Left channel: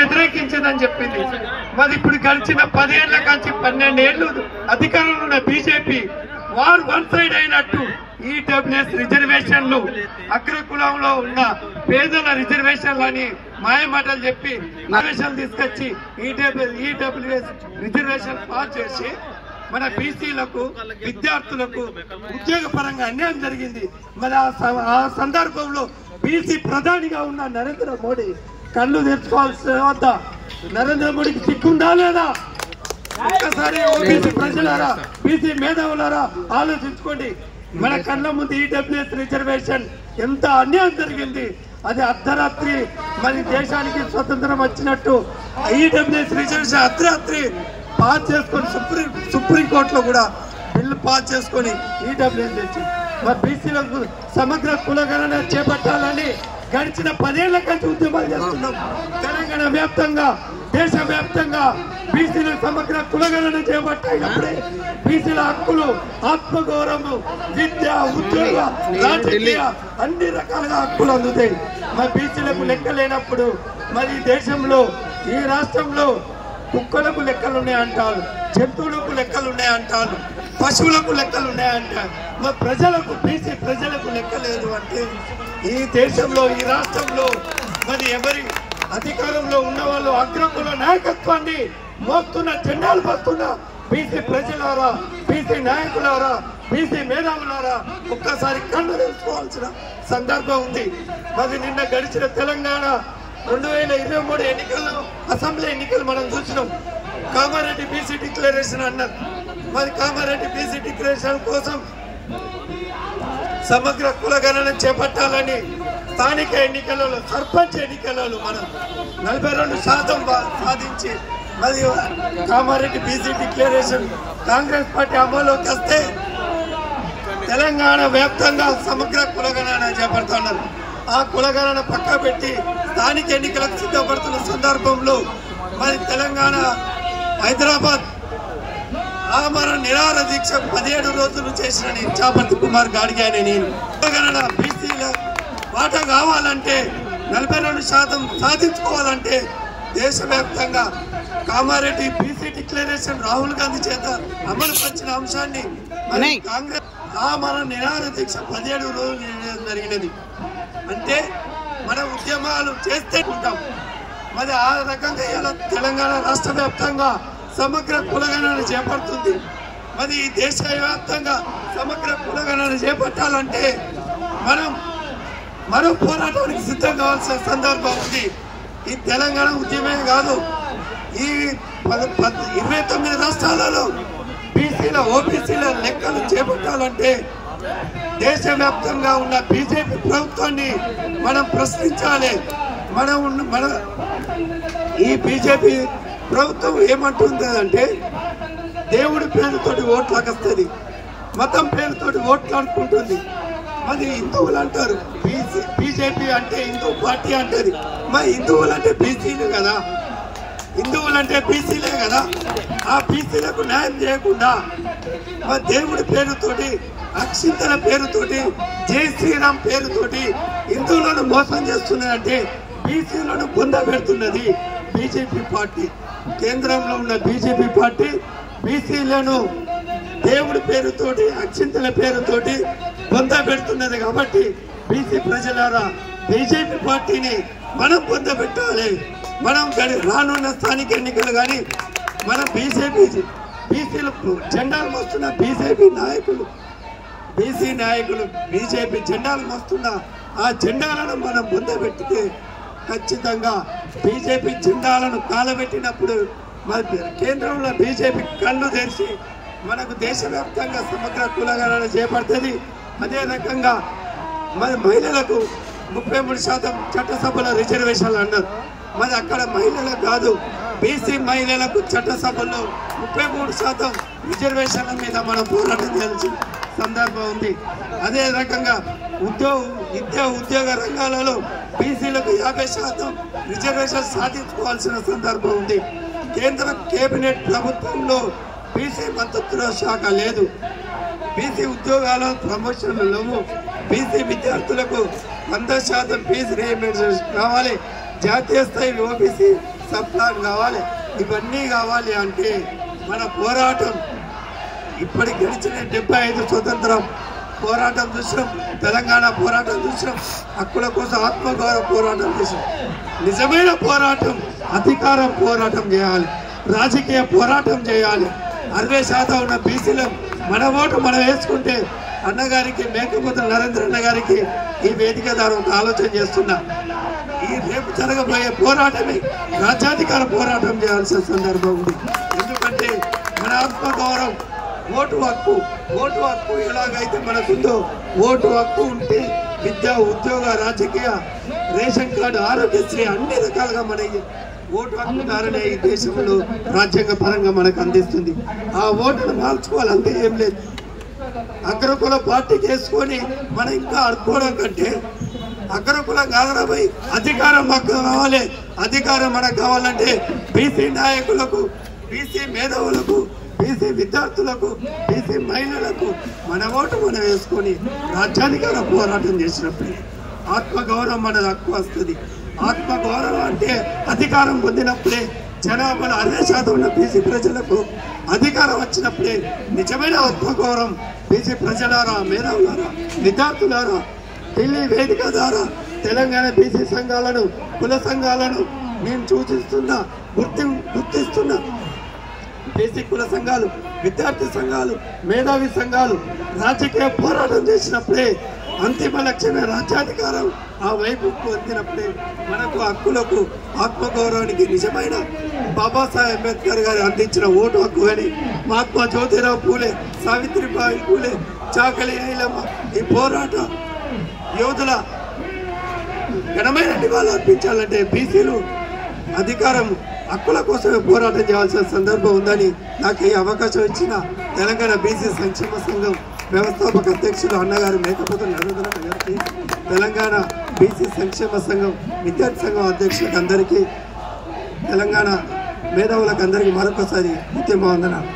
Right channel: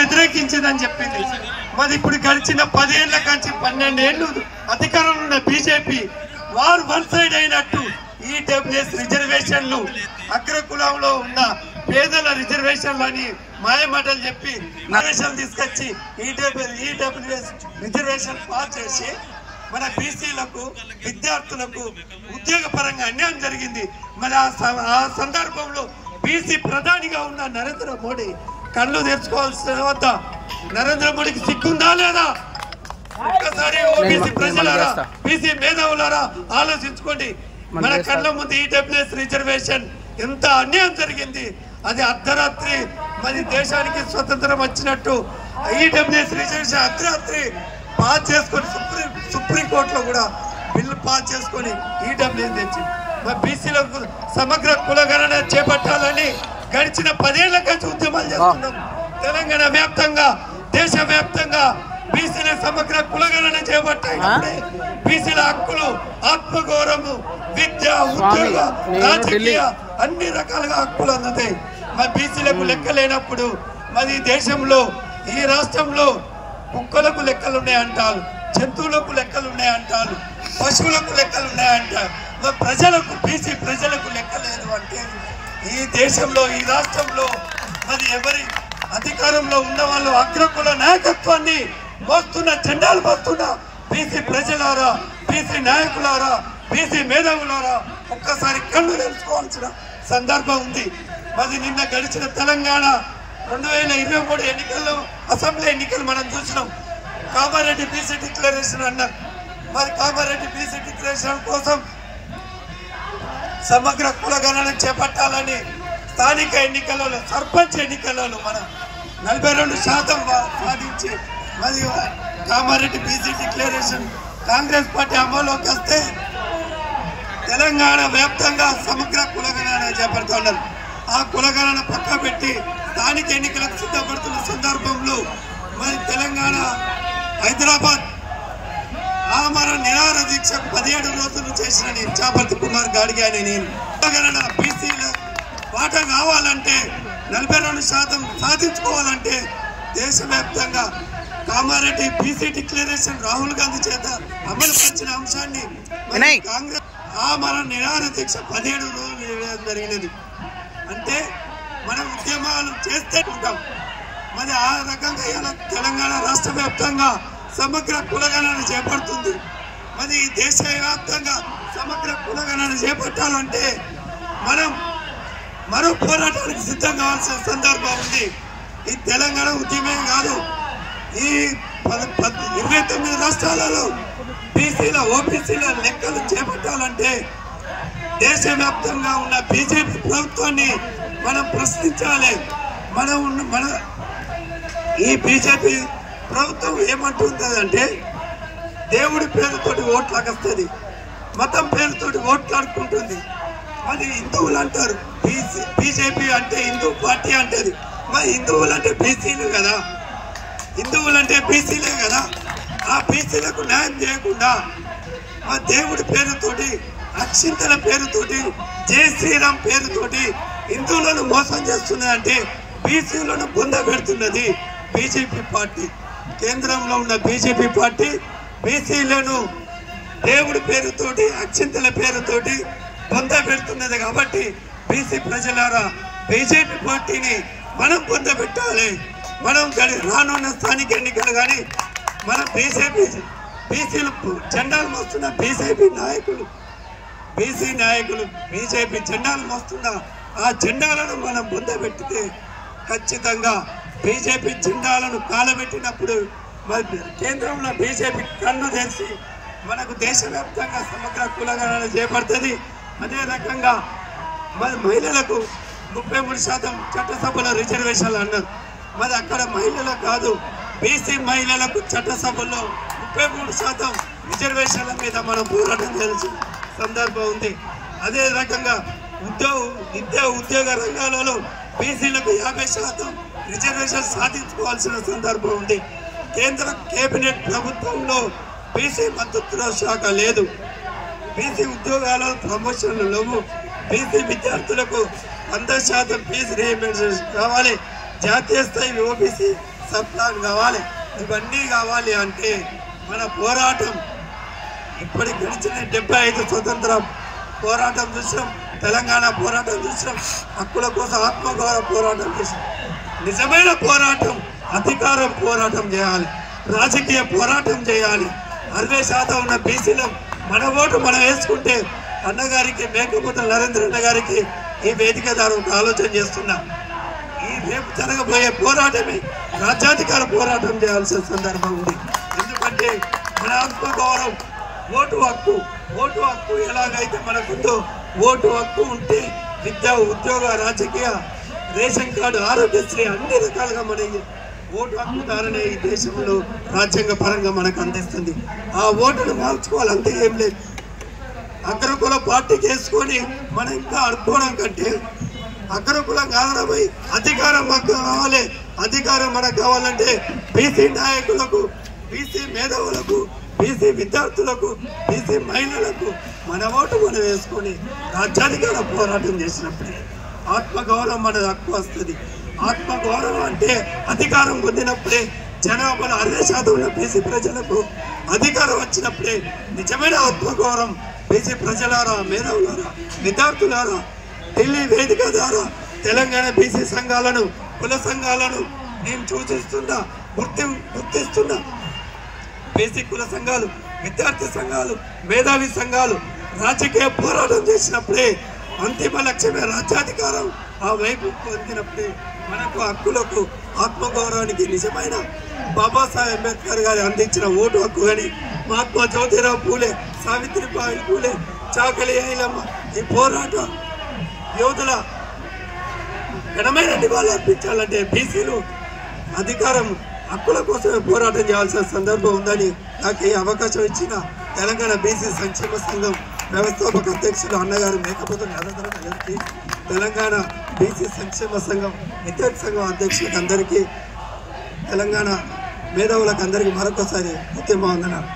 వ్యతిరేకించిందని చెప్పింది. మరి ఇప్పుడు గడిచిన 10 ఏళ్ల కంచి 12 ఏళ్లు అధికారంలో ఉన్న బీజేపీ వారు వన్ సైడ్ అయినట్టు ఈడబ్ల్యూఎస్ రిజర్వేషన్లు అగ్రకులంలో ఉన్న పేదల రిజర్వేషన్లని మాయమాటలు చెప్పి నరేషన్లు తీసుకొచ్చి ఈడబ్ల్యూఎస్ రిజర్వేషన్ పాస్ చేసి మన బీసీలకు విద్యార్థులకు ఉద్యోగ పరంగా అన్యాయం జరిగింది. మరి ఆ సందర్భంలో బీసీ ప్రధానిగా ఉన్న నరేంద్ర మోడీ కళ్ళు తెరుచుకోవాల్సిన వద్ద నరేంద్ర మోడీకి సిగ్గుందా లేదా? ఒక్కసారి ఓబీసీ ప్రజలారా, బీసీ మేధావులారా ఆలోచించుకోండి. మన కళ్ళ ముందు ఈడబ్ల్యూఎస్ రిజర్వేషన్ ఎంత అన్యాయం జరిగింది. అది అర్ధరాత్రి మరి దేశానికి స్వతంత్రం వచ్చినట్టు ఈడబ్ల్యూఎస్ రిజర్వేషన్ అర్ధరాత్రి పాస్ చేసుకొని సుప్రీంకోర్టులో కూడా బిల్లు పాస్ చేసుకొని ఈడబ్ల్యూఎస్ తెచ్చి మరి బీసీలకు సమగ్ర కులగణన చేపట్టాలని గడిచిన 10 ఏళ్ల కంచి ఉద్యమాలు చేస్తున్నాం. తెలంగాణ వ్యాప్తంగా దేశ వ్యాప్తంగా బీసీల సమగ్ర కులగణన చేపట్టాయి. బీసీల హక్కులు, ఆత్మగౌరవం, విద్య, ఉద్యోగ, రాజకీయ అన్ని రకాలుగా హక్కులు అందుతాయి. మరి బీసీలకు లెక్క లేనప్పుడు మరి దేశంలో ఈ రాష్ట్రంలో కుక్కలకు లెక్కలున్నాయంటారు, జంతువులకు లెక్కలున్నాయంటారు, పశువులకు లెక్కలున్నాయంటారు. మరి ప్రజలకు బీసీ ప్రజలకు లెక్క లేదు అంటే ఈ దేశంలో ఈ రాష్ట్రంలో మరి ఎవరి అధికారంలో ఉన్న వాళ్ళు అగ్రకుల నాయకత్వాన్ని మోస్తున్న జెండాలు మోస్తున్న బీసీ ప్రజలారా, బీసీ నాయకులారా, బీసీ మేధావులారా ఒక్కసారి కళ్ళు తెలుసుకోవాల్సిన సందర్భం ఉంది. మరి నిన్న గడిచిన తెలంగాణ 2023 ఎన్నికల్లో అసెంబ్లీ ఎన్నికలు మనం చూసినాం. కామారెడ్డి బీసీ డిక్లరేషన్ అన్నారు. మరి కామారెడ్డి బీసీ డిక్లరేషన్ కోసం సమగ్ర కులగణన చేపట్టాలని స్థానిక ఎన్నికలలో సర్పంచ్ ఎన్నికలలో మనం 42% సాధించి మరి Kamareddy BC declaration Congress party అమలులోకి వస్తే తెలంగాణ వ్యాప్తంగా సమగ్ర కులగణన చేపడుతున్నారు. ఆ కులగణన పక్క పెట్టి స్థానిక ఎన్నికలకు సిద్ధపడుతున్న సందర్భంలో మరి తెలంగాణ హైదరాబాద్ ఆమరణ నిరాహార దీక్ష 17 రోజులు చేసిన చాపర్తి కుమార్ గాడిగా నేను కులగణన బీసీల వాటా కావాలంటే 42% సాధించుకోవాలంటే దేశవ్యాప్తంగా కామారెడ్డి బీసీ డిక్లరేషన్ రాహుల్ గాంధీ చేత అమలు పరిచిన అంశాన్ని కాంగ్రెస్ ఆమరణ నిరాహార దీక్ష 17 రోజులు జరిగినది. అంటే మన ఉద్యమాలు చేస్తే ఉంటాం. మరి ఆ రకంగా ఇలా తెలంగాణ రాష్ట్ర వ్యాప్తంగా సమగ్ర కులగణన చేపడుతుంది. మరి దేశవ్యాప్తంగా సమగ్ర కులగణన చేపట్టాలంటే మనం మరో పోరాటానికి సిద్ధం కావాల్సిన సందర్భం ఉంది. ఈ తెలంగాణ ఉద్యమే కాదు, ఈ 29 రాష్ట్రాలలో బీసీల ఓబీసీల లెక్కలు చేపట్టాలంటే దేశవ్యాప్తంగా ఉన్న బీజేపీ ప్రభుత్వాన్ని మనం ప్రశ్నించాలి. మన ఈ బీజేపీ ప్రభుత్వం ఏమంటుందంటే దేవుడి పేరుతోటి ఓట్లకు వస్తుంది, మతం పేరుతోటి ఓట్లాడుకుంటుంది. మరి హిందువులు అంటారు, బీజేపీ అంటే హిందూ పార్టీ అంటది. మరి హిందువులు అంటే బీసీలు కదా, హిందువులంటే బీసీలే కదా. ఆ బీసీలకు న్యాయం చేయకుండా మరి దేవుడి పేరుతోటి, అక్షింతల పేరుతోటి, జై శ్రీరామ్ పేరుతోటి హిందువులను మోసం చేస్తున్నదంటే బీసీలను బొంద పెడుతున్నది బీజేపీ పార్టీ. కేంద్రంలో ఉన్న బీజేపీ పార్టీ బీసీలను దేవుడి పేరుతోటి, అక్షింతల పేరుతోటి బొంద పెడుతున్నది. కాబట్టి బీసీ ప్రజలారా, బీజేపీ పార్టీని మనం బొంద పెట్టాలి. మనం రానున్న స్థానిక ఎన్నికలు కానీ మనం బీసీలు జెండాలు మోస్తున్న బీజేపీ నాయకులు బీజేపీ జెండాలు మోస్తున్న ఆ జెండాలను మనం బొందబెట్టితే ఖచ్చితంగా బీజేపీ జెండాలను కాలబెట్టినప్పుడు మరి కేంద్రంలో బీజేపీ కళ్ళు తెరిచి మనకు దేశవ్యాప్తంగా సమగ్ర కులగణన చేపడుతుంది. అదే రకంగా మరి మహిళలకు 33% చట్టసభల రిజర్వేషన్లు అన్నారు. మరి అక్కడ మహిళలకు కాదు, బీసీ మహిళలకు చట్టసభల్లో 33% రిజర్వేషన్ల మీద మనం పోరాటం చేయాల్సిన సందర్భం ఉంది. అదే రకంగా విద్యా ఉద్యోగ రంగాలలో బీసీలకు 50% రిజర్వేషన్ సాధించుకోవాల్సిన సందర్భం ఉంది. కేంద్ర కేబినెట్ ప్రభుత్వంలో బీసీ మంత్రిత్వ శాఖ లేదు. బీసీ ఉద్యోగాల ప్రమోషన్లు లేవు. బీసీ విద్యార్థులకు 100% ఫీజు రీయింబర్స్మెంట్ కావాలి. జాతీయ స్థాయి ఓబీసీ సబ్ ప్లాన్ కావాలి. ఇవన్నీ కావాలి అంటే మన పోరాటం ఇప్పటి గడిచిన 75 స్వతంత్రం పోరాటం చూసాం, తెలంగాణ పోరాటం చూసాం, హక్కుల కోసం ఆత్మగౌరవ పోరాటం చేసాం. నిజమైన పోరాటం అధికారం పోరాటం చేయాలి, రాజకీయ పోరాటం చేయాలి. 60% ఉన్న బీసీలో మన ఓటు మనం వేసుకుంటే అన్నగారికి మేకపోతే నరేంద్ర అన్న గారికి ఈ వేదిక ద్వారా ఒక ఆలోచన చేస్తున్నా. ఈ రేపు జరగబోయే పోరాటమే రాజ్యాధికార పోరాటం చేయాల్సిన సందర్భం ఉంది. ఎందుకంటే మన ఆత్మగౌరవం ఓటు హక్కు ఎలాగైతే మనకుందో ఓటు హక్కు ఉంటే విద్య, ఉద్యోగ, రాజకీయ, రేషన్ కార్డు, ఆరోగ్యశ్రీ అన్ని రకాలుగా మనకి ఓటు హక్కు ద్వారానే ఈ దేశంలో రాజ్యాంగ పరంగా మనకు అందిస్తుంది. ఆ ఓటును మార్చుకోవాలి, అంతే, ఏం లేదు. అగ్రకుల పార్టీకి వేసుకొని మనం ఇంకా అడుక్కోవడం కంటే అగ్రకులం కారణమై అధికారం మాకు కావాలి. అధికారం మనకు కావాలంటే బీసీ నాయకులకు, బీసీ మేధావులకు, బీసీ విద్యార్థులకు, బీసీ మహిళలకు మన ఓటు మనం వేసుకొని రాజ్యాధికార పోరాటం చేసినప్పుడే ఆత్మగౌరవం మన హక్కు వస్తుంది. ఆత్మగౌరవం అంటే అధికారం పొందినప్పుడే జనాభాలో 60% ఉన్న బీసీ ప్రజలకు అధికారం వచ్చినప్పుడే నిజమైన ఆత్మగౌరవం. బీసీ ప్రజలారా, మేధావులారా, విద్యార్థులారా, ఢిల్లీ వేదిక ద్వారా తెలంగాణ బీసీ సంఘాలను, కుల సంఘాలను నేను గుర్తిస్తున్నా. బీసీ కుల సంఘాలు, విద్యార్థి సంఘాలు, మేధావి సంఘాలు రాజకీయ పోరాటం చేసినప్పుడే అంతిమ లక్ష్యమే రాజ్యాధికారం. ఆ వైపు పొందినప్పుడే మనకు హక్కులకు, ఆత్మగౌరవానికి నిజమైన బాబాసాహెబ్ అంబేద్కర్ గారు అందించిన ఓటు హక్కు కానీ, మహాత్మా జ్యోతిరావు పూలే, సావిత్రిబాయి పూలే, చాకలి ఐలమ్మ ఈ పోరాట యోధుల ఘనమైన నివాళులు అర్పించాలంటే బీసీలు అధికారం, హక్కుల కోసమే పోరాటం చేయాల్సిన సందర్భం ఉందని నాకు ఈ అవకాశం ఇచ్చిన తెలంగాణ బీసీ సంక్షేమ సంఘం వ్యవస్థాపక అధ్యక్షులు అన్నగారు మేకపోతే నరేంద్ర గారికి, తెలంగాణ బీసీ సంక్షేమ సంఘం విద్యార్థి సంఘం అధ్యక్షులకు అందరికీ, తెలంగాణ మేధావులకు అందరికీ మరొకసారి ఉద్యమ వందనాలు.